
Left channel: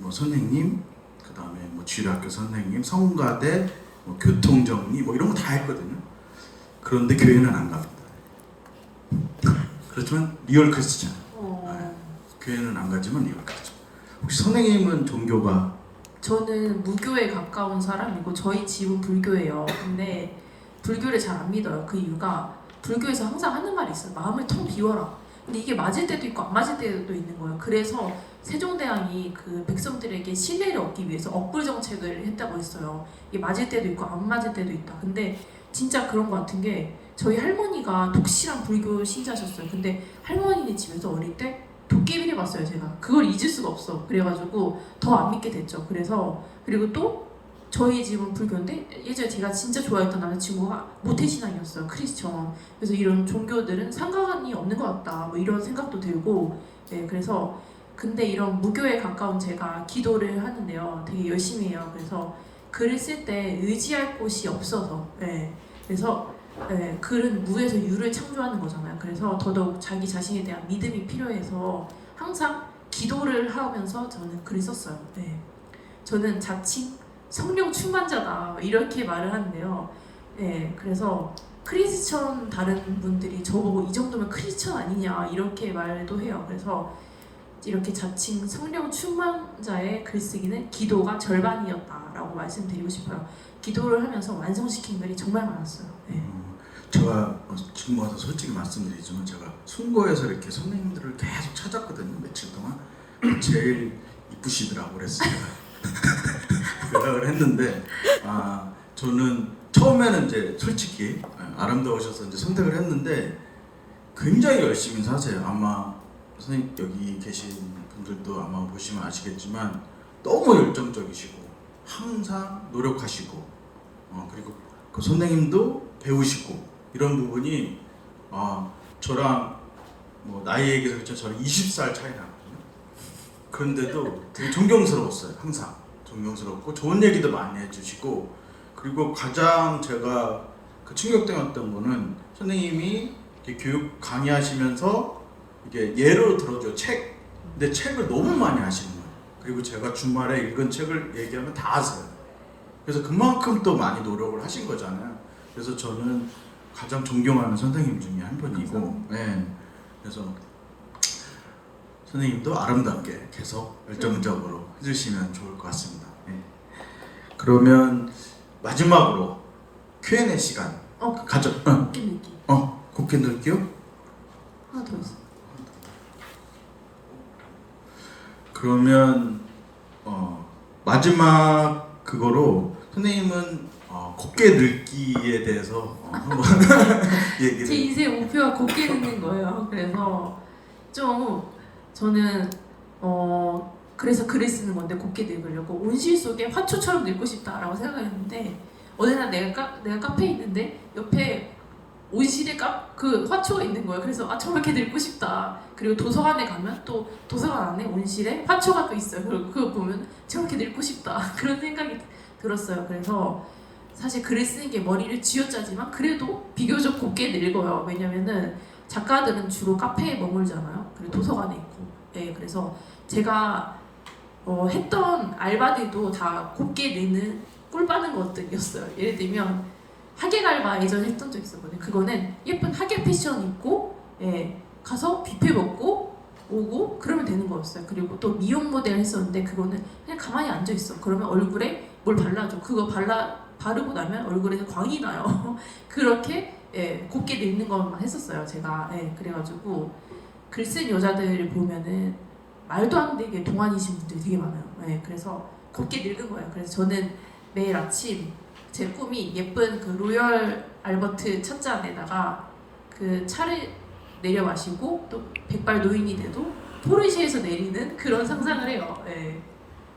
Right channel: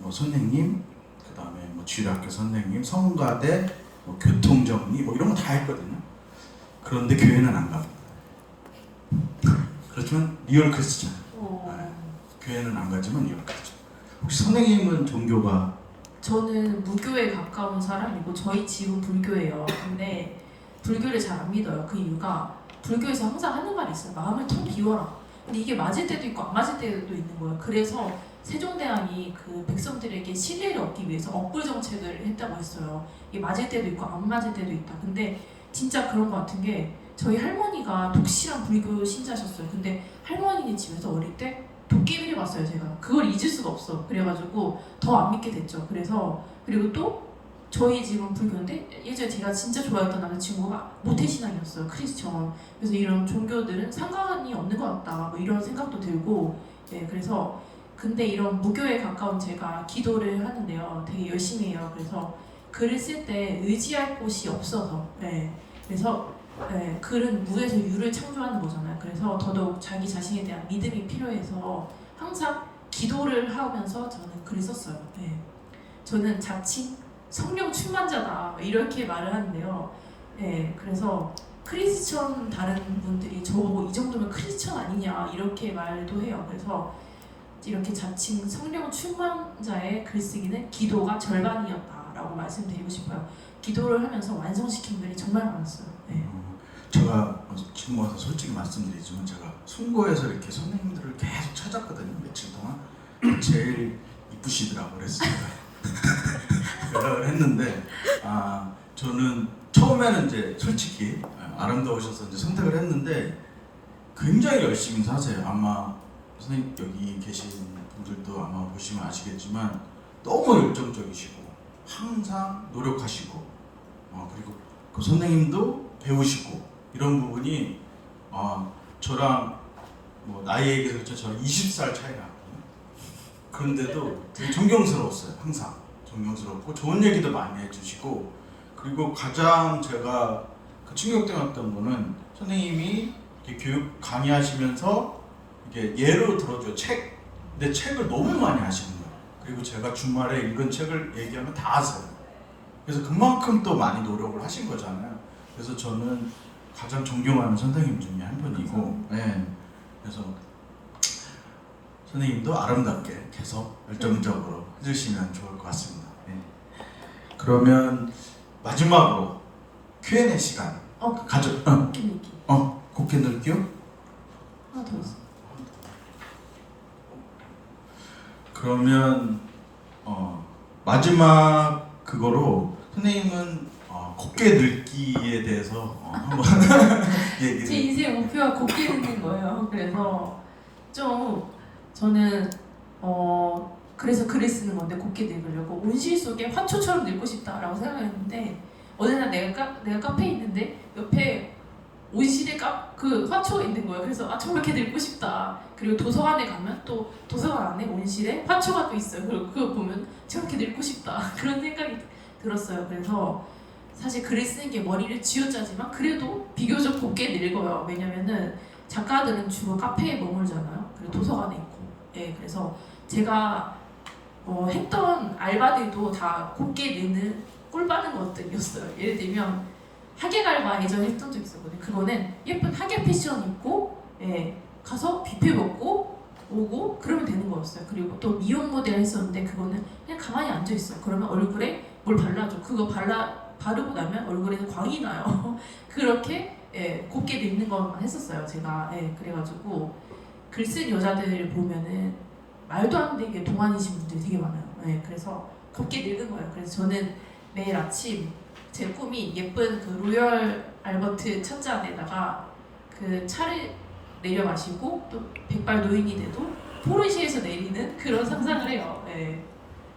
선생님, 그 다음에 주일학교 선생님, 성가대, 교통정리 이런 거 다 했거든요. 그런데 교회는 안 갑니다. 그렇지만 리얼 크리스찬. 교회는 안 가지만 리얼 크리스찬. 혹시 선생님은 종교가? 저는 무교에 가까운 사람이고 저희 집은 불교예요. 근데 불교를 잘 안 믿어요. 그 이유가 불교에서 항상 하는 말이 있어요. 마음을 텅 비워라. 근데 이게 맞을 때도 있고 안 맞을 때도 있는 거예요. 그래서 세종대왕이 백성들에게 신뢰를 얻기 위해서 억불 정책을 했다고 했어요. 이게 맞을 때도 있고 안 맞을 때도 있다. 근데 진짜 그런 거 같은 게 저희 할머니가 독실한 불교 신자셨어요. 근데 할머니 집에서 어릴 때 도깨비를 봤어요. 제가 그걸 잊을 수가 없어. 그래가지고 더 안 믿게 됐죠. 그리고 또 저희 집은 불교인데 예전에 제가 진짜 좋아했던 남자친구가 모태신앙이었어요. 크리스천. 그래서 이런 종교들은 상관이 없는 것 같다. 뭐 이런 생각도 들고, 예, 그래서 근데 이런 무교에 가까운 제가 기도를 하는데요. 되게 열심히 해요. 그래서 글을 쓸 때 의지할 곳이 없어서, 예, 그래서 예, 글은 무에서 유를 창조하는 거잖아요. 그래서 더더욱 자기 자신에 대한 믿음이 필요해서 항상 기도를 하면서 저는 글을 썼어요. 예. 저는 자칭 성령 충만자다 이렇게 말을 하는데요. 예, 그래서 크리스천 다른 분들이 저보고 이 정도면 크리스천 아니냐 이렇게 말도 해요. 그래서 이렇게 자칭 성령 충만자의 글쓰기는 기도가 절반이었다라고 말씀드리고 싶어요. 기도를 하면서 완성시킨 글이 정말 많았어요. 예. 제가 지금 와서 솔직히 말씀드리지만 제가 sun고에서 이렇게 선생님들을 계속 찾았거든요. 며칠 동안 제일 이쁘시더라고 그랬습니다. 연락을 했는데 저는 처음에는 이제 솔직히 아름다우셔서 이제 선택을 했는데 굉장히 열심히 사세요. 아마 선생님 여기 계신 분들도 아마 보시면 아시겠지만 너무 열정적이시고 항상 노력하시고 그리고 그 선생님도 배우시고 이런 부분이 저랑 뭐 나이 얘기해서 그렇죠. 저랑 20살 차이 나거든요. 그런데도 되게 존경스러웠어요. 항상 존경스럽고 좋은 얘기도 많이 해주시고 그리고 가장 제가 그 충격적이었던 거는 선생님이 교육 강의하시면서 이게 예로 들어줘요. 근데 책을 너무 많이 하시는 거예요. 그리고 제가 주말에 읽은 책을 얘기하면 다 아세요. 그래서 그만큼 또 많이 노력을 하신 거잖아요. 그래서 저는 가장 존경하는 선생님 중에 한 분이고, 네. 그래서 선생님도 아름답게 계속 열정적으로 해주시면 좋을 것 같습니다. 네. 그러면 마지막으로 Q&A 시간 가져. 곱게 넣을게요. 하나 더 있어. 그러면 마지막 그거로 선생님은 곱게 늙기에 대해서 한번 얘기를. 제 인생 목표가 곱게 늙는 거예요. 그래서 좀 저는 그래서 글을 쓰는 건데 곱게 늙으려고 온실 속에 화초처럼 늙고 싶다라고 생각했는데 어느 날 내가 카페에 있는데 옆에 온실에 그 화초가 있는 거예요. 그래서 저렇게 늙고 싶다. 그리고 도서관에 가면 또 도서관 안에 온실에 화초가 또 있어요. 그거 보면 저렇게 늙고 싶다. 그런 생각이 들었어요. 그래서 사실 글을 쓰는 게 머리를 쥐어짜지만 그래도 비교적 곱게 늙어요. 왜냐면은 작가들은 주로 카페에 머물잖아요. 그리고 도서관에 있고. 예, 그래서 제가 했던 알바들도 다 곱게 늙는 꿀 빠는 것들이었어요. 예를 들면 하객 알바 예전에 했던 적 있었거든요. 그거는 예쁜 하객 패션 입고 가서 뷔페 먹고 오고 그러면 되는 거였어요. 그리고 또 미용 모델 했었는데 그거는 그냥 가만히 앉아 있어. 그러면 얼굴에 뭘 발라줘. 그거 바르고 나면 얼굴에 광이 나요. 그렇게 곱게 늙는 것만 했었어요. 제가 그래가지고 글 쓴 여자들을 보면은 말도 안 되게 동안이신 분들이 되게 많아요. 그래서 곱게 늙은 거예요. 그래서 저는 매일 아침 제 꿈이 예쁜 그 로열 알버트 찻잔에다가 그 차를 내려 마시고 또 백발 노인이 돼도 포르쉐에서 내리는 그런 상상을 해요.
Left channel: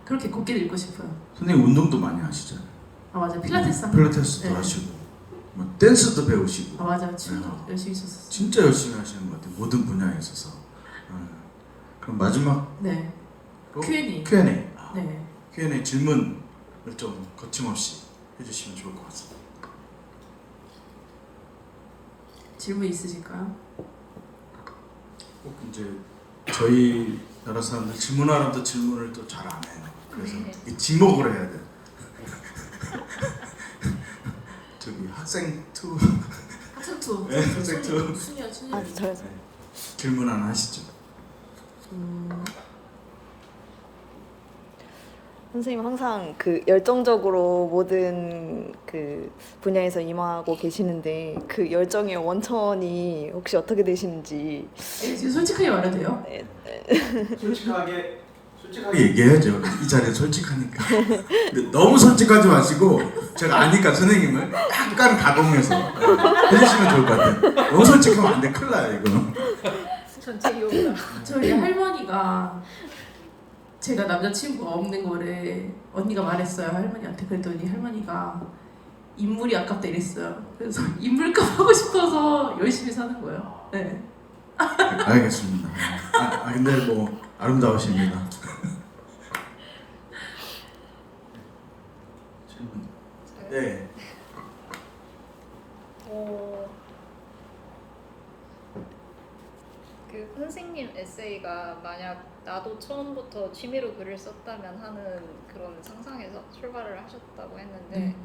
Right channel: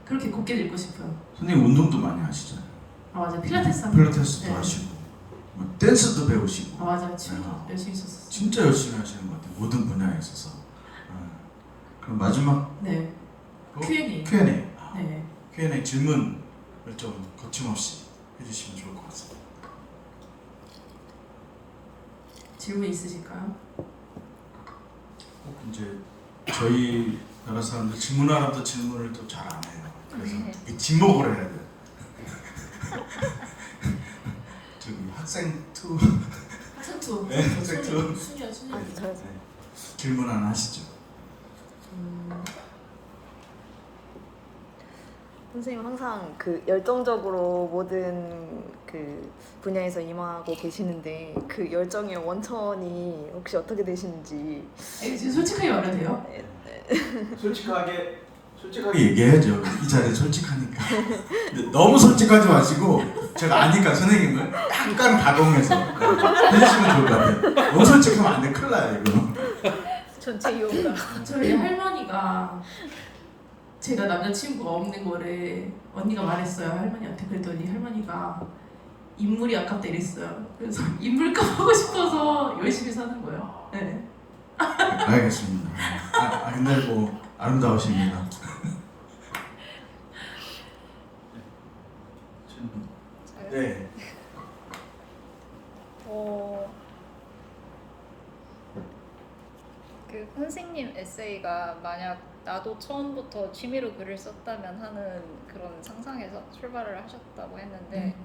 그렇게 곱게 늙고 싶어요. 선생님 운동도 많이 하시잖아요. 맞아, 필라테스 필라테스도 하시고 뭐 댄스도 배우시고. 맞아, 춤도 열심히 췄었어요. 진짜 열심히 하시는 것 같아요. 모든 분야에 있어서. 그럼 마지막 네. Q&A. 네. Q&A 질문을 좀 거침없이 해주시면 좋을 것 같습니다. 질문 있으실까요? 꼭 이제 저희 여러 사람들 질문하라면 또 질문을 또 잘 안 해요. 그래서 이 지목을 해야 돼. 저기 학생 투. 학생 투. 네, 학생 투. 순이요. 네. 질문 하나 하시죠. 선생님 항상 그 열정적으로 모든 그 분야에서 임하고 계시는데 그 열정의 원천이 혹시 어떻게 되시는지. 지금 솔직하게 말해도 돼요? 솔직하게 얘기해야죠. 이 자리에 솔직하니까. 근데 너무 솔직하지 마시고 제가 아니까 선생님을 약간 가공해서 해주시면 좋을 것 같아요. 너무 솔직하면 안 돼. 큰일 나요 이거. 저희 할머니가 제가 남자친구가 없는 거를 언니가 말했어요 할머니한테. 그랬더니 할머니가 인물이 아깝다 이랬어요. 그래서 인물값 하고 싶어서 열심히 사는 거예요. 네. 알겠습니다. 근데 뭐 아름다우십니다. 네. 그 선생님 에세이가 만약 나도 처음부터 취미로 글을 썼다면 하는 그런 상상에서 출발을 하셨다고 했는데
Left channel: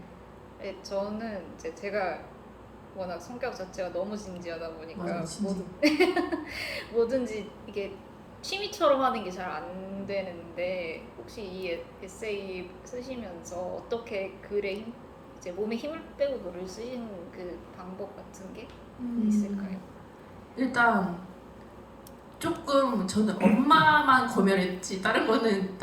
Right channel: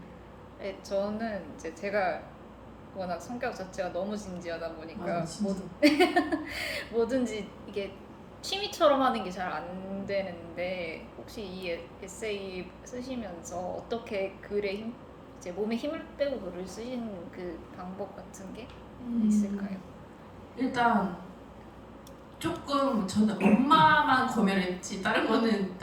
저는 이제 제가 워낙 성격 자체가 너무 진지하다 보니까 맞아, 진지. 뭐든지 이게 취미처럼 하는 게 잘 안 되는데 혹시 이 에세이 쓰시면서 어떻게 글에 이제 몸에 힘을 빼고 글을 쓰시는 그 방법 같은 게 있을까요? 일단 조금 저는 엄마만 검열했지 다른 분은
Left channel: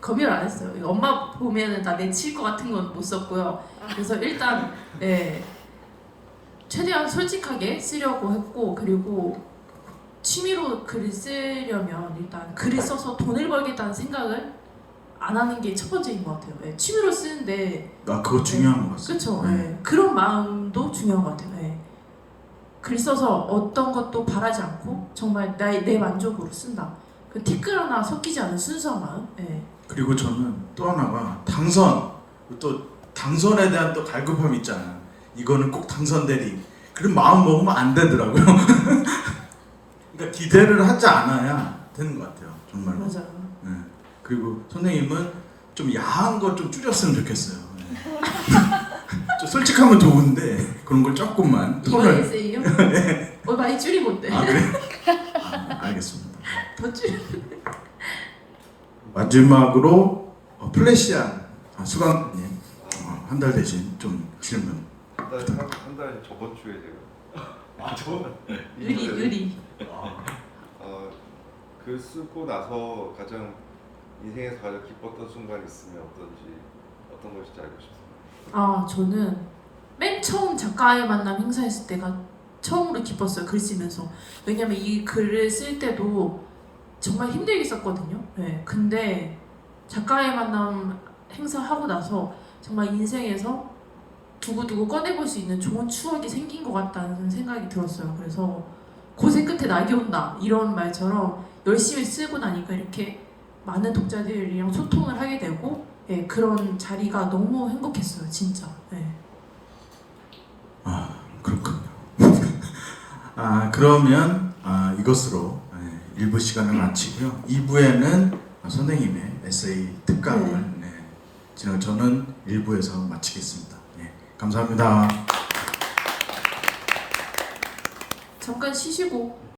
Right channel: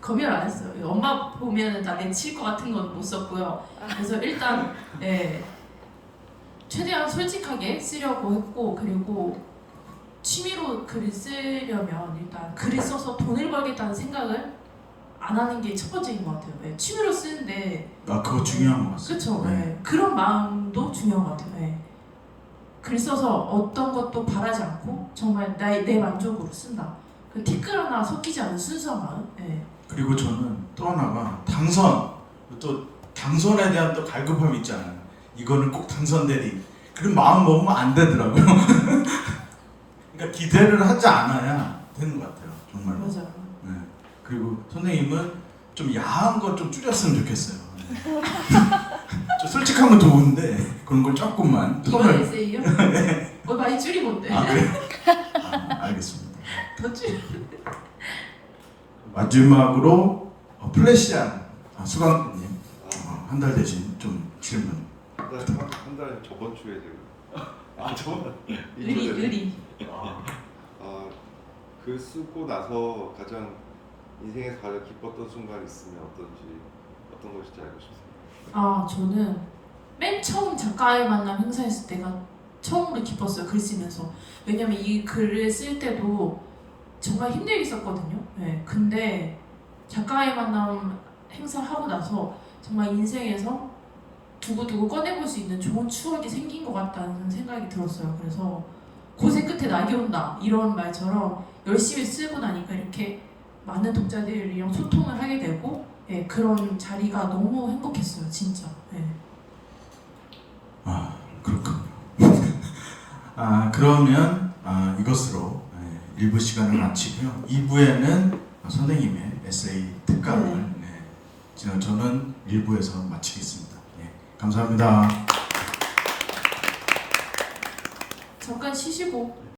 검열 안 했어요. 엄마 보면은 나 내칠 것 같은 건 못 썼고요. 그래서 일단 최대한 솔직하게 쓰려고 했고, 그리고 취미로 글을 쓰려면 일단 글을 써서 돈을 벌겠다는 생각을 안 하는 게 첫 번째인 것 같아요. 취미로 쓰는데 그거 중요한 것 같습니다. 그렇죠. 그런 마음도 중요한 것 같아요. 글 써서 어떤 것도 바라지 않고 정말 내 만족으로 쓴다. 그 티끌 하나 섞이지 않은 순수한 마음. 그리고 저는 또 하나가 또 당선에 대한 또 갈급함이 있잖아요. 이거는 꼭 당선되리. 그런 마음 먹으면 안 되더라고요. 그러니까 기대를 하지 않아야 되는 것 같아요. 정말로. 맞아요. 그리고 선생님은 좀 야한 거 좀 줄였으면 좋겠어요. 좀 솔직하면 좋은데 그런 걸 조금만 이거 톤을. 에세이요? 많이 줄이면 어때? 그래? 알겠습니다. 더 줄여. 마지막으로 플래시한 수강님 한 달 대신 좀 질문. 한 달에 저번 주에 제가 저번 의리. 글 쓰고 나서 가장 인생에서 가장 기뻤던 순간이 있으면 어떤 것인지 알고 싶습니다. 저는 맨 처음 작가의 만남 행사했을 때가 처음으로 기뻤어요. 글 쓰면서. 왜냐면 이 글을 쓸 때도 정말 힘들게 썼거든요. 근데 작가의 만남 행사하고 나서 정말 인생에서 두고두고 꺼내볼 수 있는 좋은 추억이 생긴 것 같다는 생각이 들었어요. 그래서 고생 끝에 낙이 온다 이런 말처럼 열심히 쓰고 나니까 이렇게 많은 독자들이랑 소통을 하게 되고 그런 자리가 너무 행복했어요. 진짜. 그렇군요. 그러면 이것으로 1부 시간을 마치고요. 2부에는 선생님의 에세이 특강을 저는 1부에서 마치겠습니다. 감사합니다. 잠깐 쉬시고